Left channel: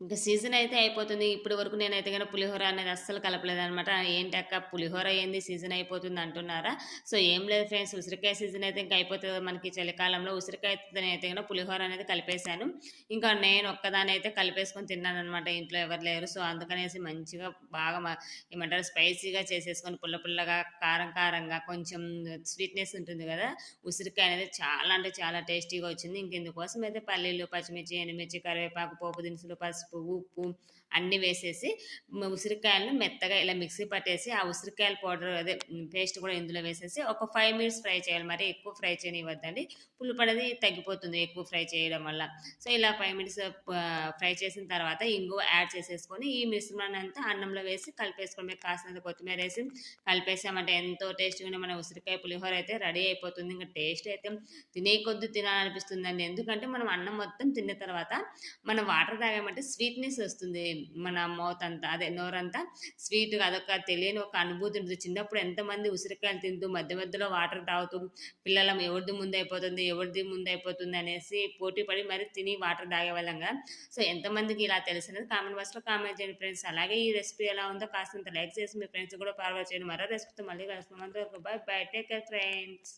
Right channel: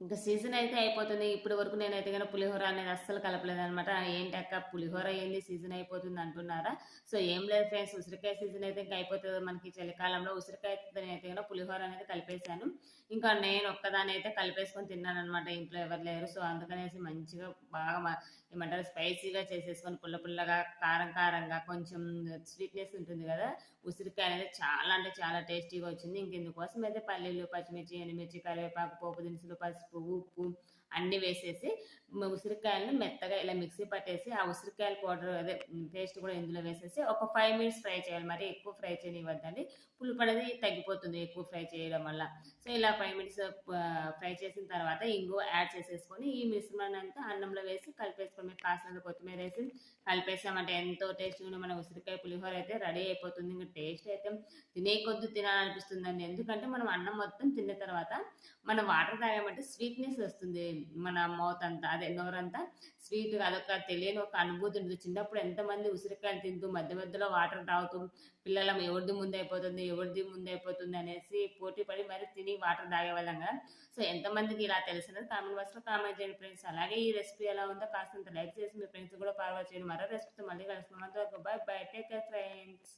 ఇంక సీజన్ అయితే అయిపోతుంది. ఇప్పటి వరకు నేనైతే గనుక పులిహోర అనేది అస్సలు కలపలేదనమాట. ఏంటక్క పులిహోర ఏంది సీజన్ అయిపోతుంది అంటున్నారా? సో, ఏం లేదు ఫ్రెండ్స్, ఉసిరికాయ సీజన్ అయితే ఇంక అయిపోతది కదా మనకి చలికాలంలో. ఉసిరికాయతోనైతే గనుక పులిహోర అనేది కలిపేసాను. ఇంకా నేను ఒక్కదాన్ని అయితే కలిపేసుకొని తిన్నాననమాట. ఇంట్లో ఎవరు లేరు. సో, అందుకనేసి మంచిగా బాగా ఏమంటారు స్పైసీగా చేసేసుకొని పుల్ల పుల్లగా, కారం కారంగా కొంచెం స్వీట్‌నెస్ ఉంటుంది గదా! ఉసిరికాయ అనేది చాలా అంటే చాలా టేస్టీగా వచ్చింది. ఇంక ఇందుకోసం అయితే పల్లీలు, పచ్చిమిర్చి, ఎండుమిర్చి, కరివేపాకు, పోపు దినుసులు, పసుపు, ఉప్పు అన్నీ వేసేసి ఉసిరికాయలను మెత్తగా ఇలా మిక్సీ పట్టేసి, ఆ ఉసిరికాయల పౌడర్ అదే పేస్ట్ కూడా ఇందులో వేసేసి ఒక 5 మినిట్స్ ఫ్రై చేయాలి. మరి ఎక్కువ ఫ్రై చేయనివ్వద్దండి. పులుపనేది తగ్గిపోతుంది ఎక్కువ ఫ్రై చేయడం వల్ల. సో, ఇలా 5 మినిట్స్ ఫ్రై చేసిన తర్వాత ఇంగువ యాడ్ చేసేసుకొని, ఈ మిశ్రమాన్నంతా అన్నంలో వేసి కలిపేసుకోవడమే. కాసినంత కొత్తిమీరేసి కలిపేసామంటే ఎంతో టేస్టీగా ఉండే మన ఉసిరికాయ పులిహోర అయితే రెడీ అయిపోతుంది. ఇంక టేస్ట్ అయితే తినే కొద్దీ తినాలనిపిస్తుందండి. ఎందుకంటే మనం అన్నం మొత్తం తిన్న తర్వాత మనం వాటర్ తాగామంటే స్వీట్‌నెస్ వస్తుంది. మన మౌత్ అంతా అదే నోరంతా స్వీట్‌గా అదొక తెలియని ఒక అనుభూతి ఉంటుంది. చిన్నప్పుడు ఎంతమంది ఉసిరికాయలు తింటూ మధ్య మధ్యలో వాటర్ తాగుతూ పిల్లలం ఎవరిది ముందైపోతుంది, ఎవరిది ముందైపోతుంది అనేసి పోటీ పడి మరి తిని వాటర్ తాగేవాళ్ళం గదా! సో, ఎంతమందికి ఇలా తెలుసనేది కామెంట్ బాక్స్‌లో కామెంట్ చేయండి ఫ్రెండ్స్. అలాగే ఈ రెసిపీ ఎలా ఉందో కాస్తంత లైక్ చేసి మీ ఫ్రెండ్స్‌కి కూడా ఫార్వర్డ్ చేయండి. మరో రెసిపీతో మళ్ళీ కలుసుకుందాం. అంతవరకు bye bye. Take care friends.